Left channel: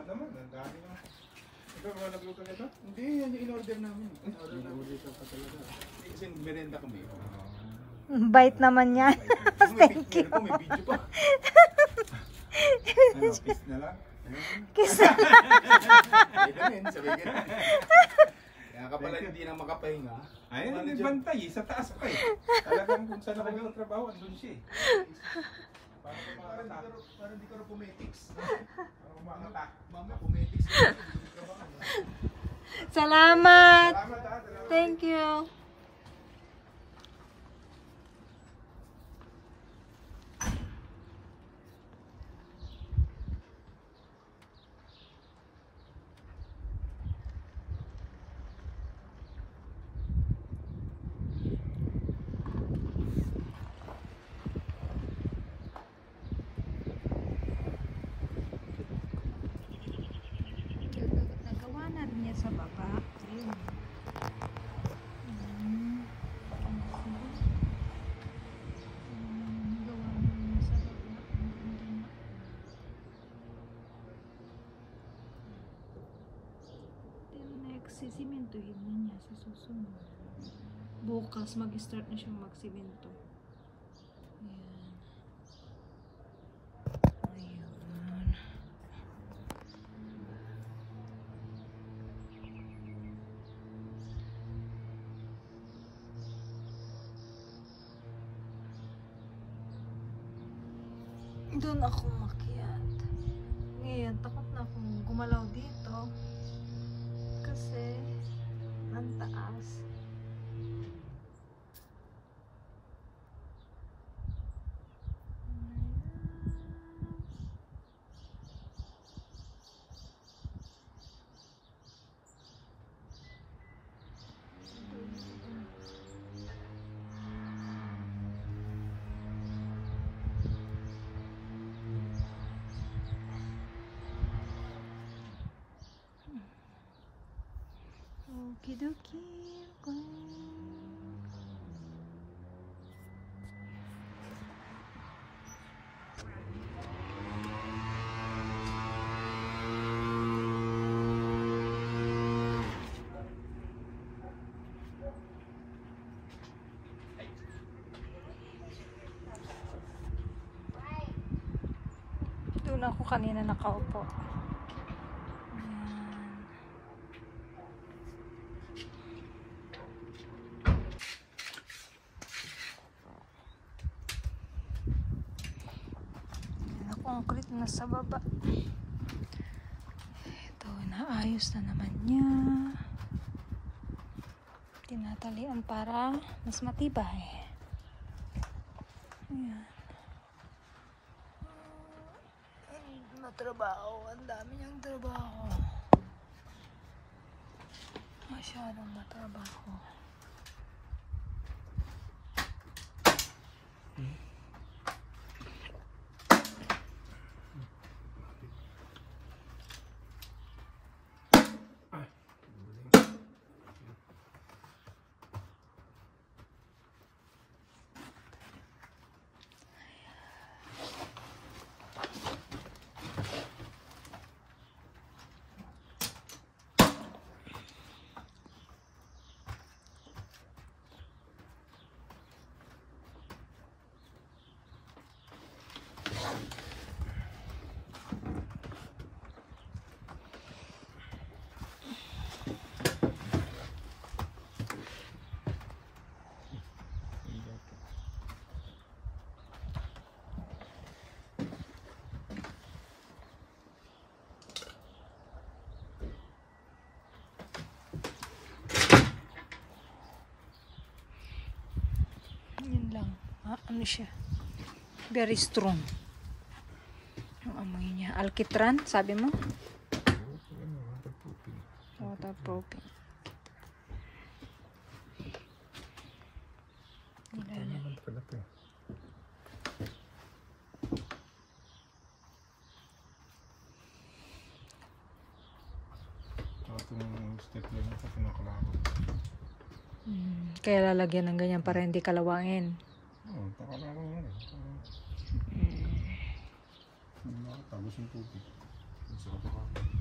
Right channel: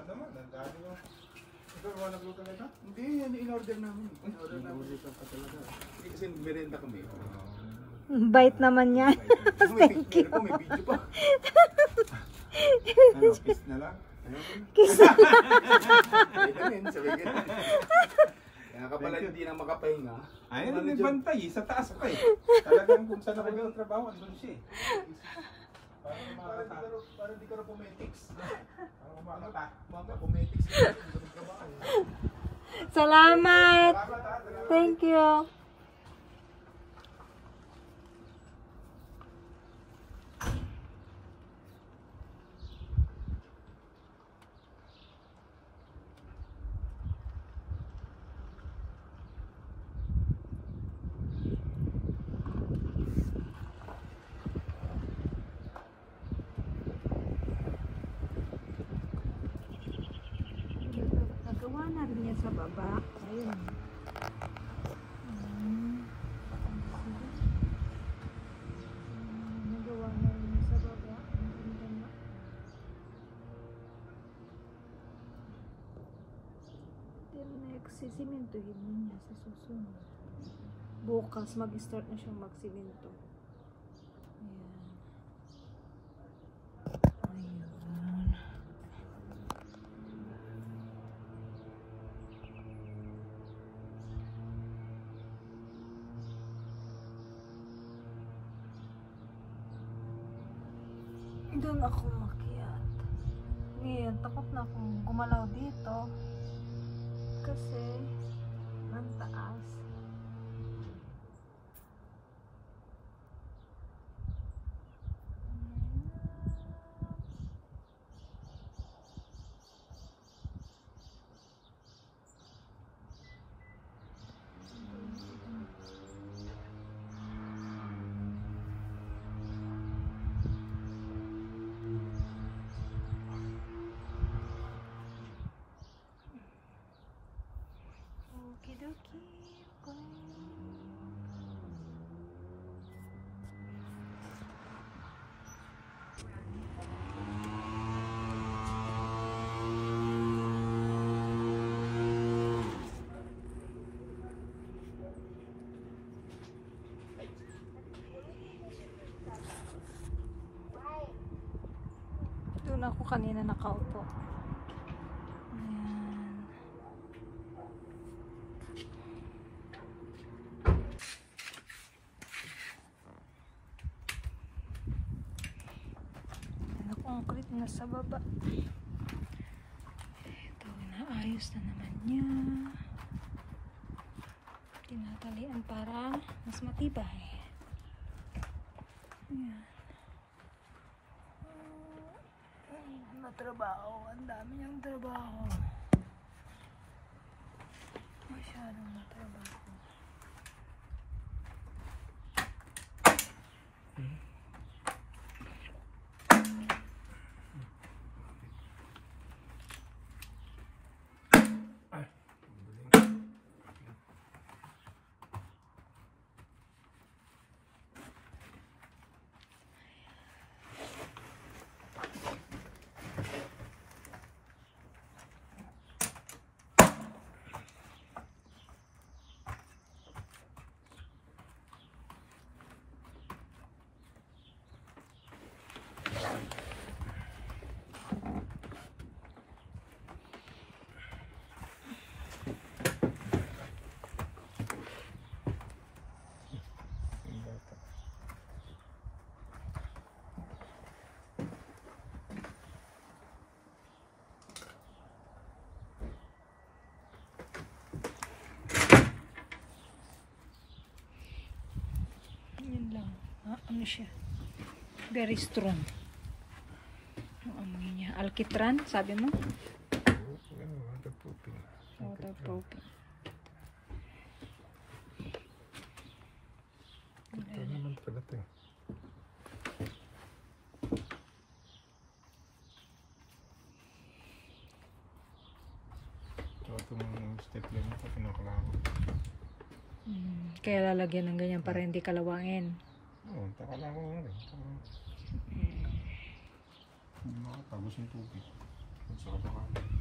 Salamat naman. Ang dami yung... Ikaw ba nagluto nito? Hindi, in-order namin. In-order namin dito pa talaga. Kasi merenda kami. Bait naman yan. May video pa. Ano, kiss na lang? Kiss. Sabay ganun, sabay ganun. Kaya ka pala hindi na makapahinga. Ayun, may bantay sa taas pa eh. Talagang kung saan ako nagtrabaho, andun siya eh. Parang di ka na pumetics. Mama, pumetics ka rin, hindi ka nagtrabaho. Salamat. Thank you. Nagawa na rin niya sa baba. Ayun. Nagawa na rin niya sa baba. Ang ganda na. Pero nagsisimentohin na niya sa susunod. Bukas mag-start na siyang magsimento. Ayan. Ayan. Doon ako makiat. Ngayon, takot na akong gumalaw dito. Kasi, ang taas. Okidoki. Doon ako kanina nakaupo. Ayan. Concrete na sa baba. Ito, naayos na naman niya. Tinatalian para mas matibay. Ayan. Matrabaho. Ang dami niyang trabaho. Masyadong matrabaho. Lang. Ano siya? Very strong. Yung amoy niya. Alkitran, sabi mo? Waterproofing. Wala na. Itong stapler nito, kinakalawang. Kaya lalagyan ng ganyan para hindi kalawangin. Oo, pakalawang yan. Hindi makapagos yung tubig. Sa kapakalan.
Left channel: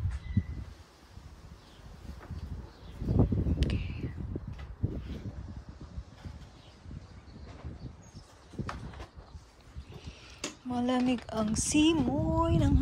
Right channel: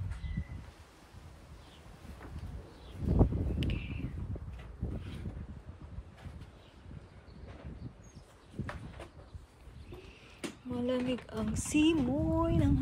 Malamig ang simoy ng